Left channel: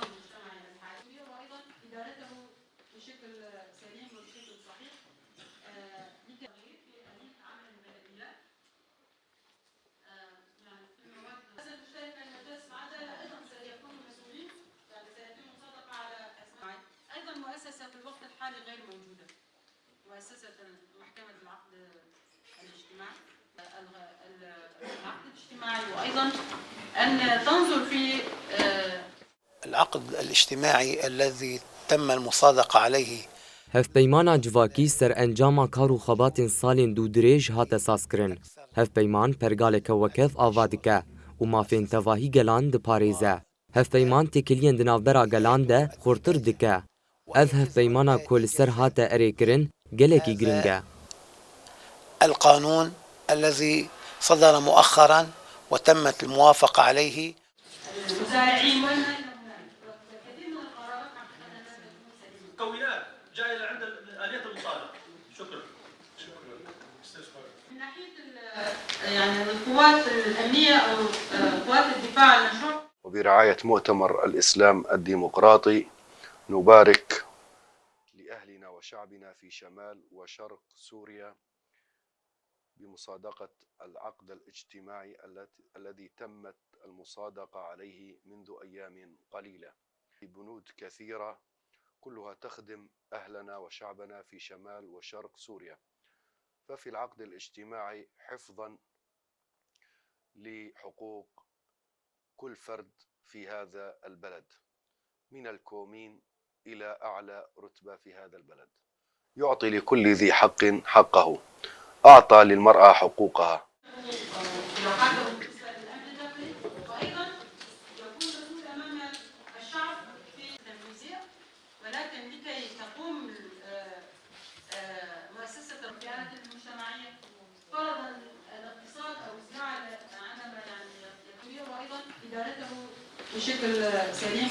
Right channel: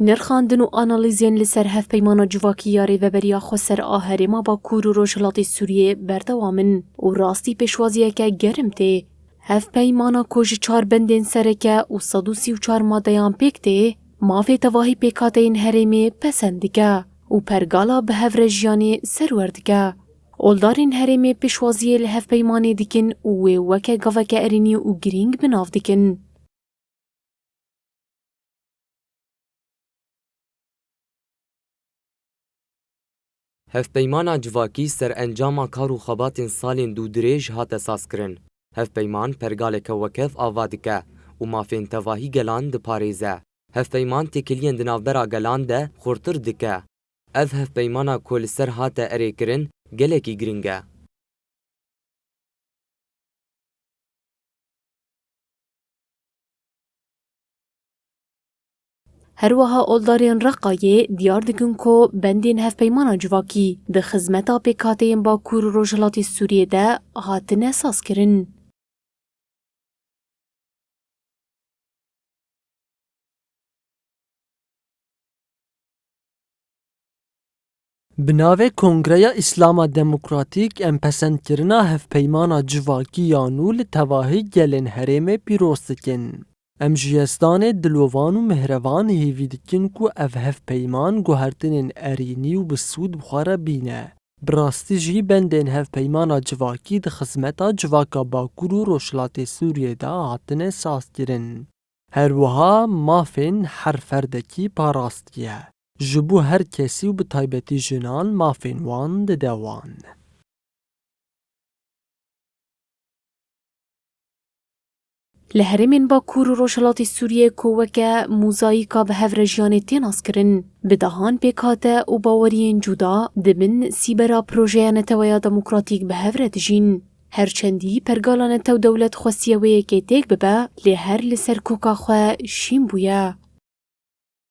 نرخاندن و آنالیزین لسر هف پیمان جواکی یاری و بریا خسر آهرما باکور و روشلاتی سوریه بردوامن و راستی پیشوازیه که گرم ته. هف پیمانا کج 4 بندین سرکه و 134 مادهان پیکته مافی تواهی پیکاته این هرمی پسندگه و پرگالا به هف رجیانی سروردگه. اولدارین هرمی پیشوازیه لهف پیمانی دیکن و وکه گوکه ارینی و گرینگ بناف دیکن. العقد الاجتماعي الذي تم المصادقة عليه هفپیمانا جواکی سر انجام کار و خبات سالین دو دریج هات اساس کرن. هفپیمان پرگالک وکف آوادکه و مافین تواهی گلان ده پاریزه. هفپیمان تکلین دنافبرا گلان ده خورتر دکه. اف هفپیمانا کل سر هات اری کرن گلکی گرینگه. القانون الذي صدر مؤخرا وتمت الموافقة عليه. هروها اولدارین رقایه دیار دکن که بندین هف پیمانا جواکی ده خزمتا پیکاتین با کور و روشلاتی سوریه ده هاتن اساس کرن. القوات الأمنية أو قوات الدفاع عن الشعب. وبرعاية مؤتمر الإسلام الديمقراطي نبارك بناوه کنگره اسلام دموکراتیک ام پسند کرنا هف پیمانا جواکی یانو لتواهی گلن هرم پیروستکن. ام جیستان دلوان و مهروان هیوی دکن کو اف هف پیمان گوهرتنین ارینی و بسود بخواره بینه. براستی جی بندین هف پیمانا جواکی ده خزمتا جواکا باکور و روشلات سوریه دا هاتنه ساز کرن. هر وها مافین هر فردکی پاراستیه. جبو هر کسی و بطایبتی جنان مافین وان ده يعطي دوان. لكل ذي حق حقه أعطى للمرأة حقوقها. لهرمین با کور و روشلاتی سوریه کوکه موزاییکا به هف رجیانی تیناس کرن. بدهان پیکاته و باورین جدا دبن سیبرا پروژه نتویا دموکراتیک به هف ردجین. هرچندی پرگالان تو دولت خوستیوه که تیک ببه لی هر لسر کوکا خواه شیم بویا. بشكل سريع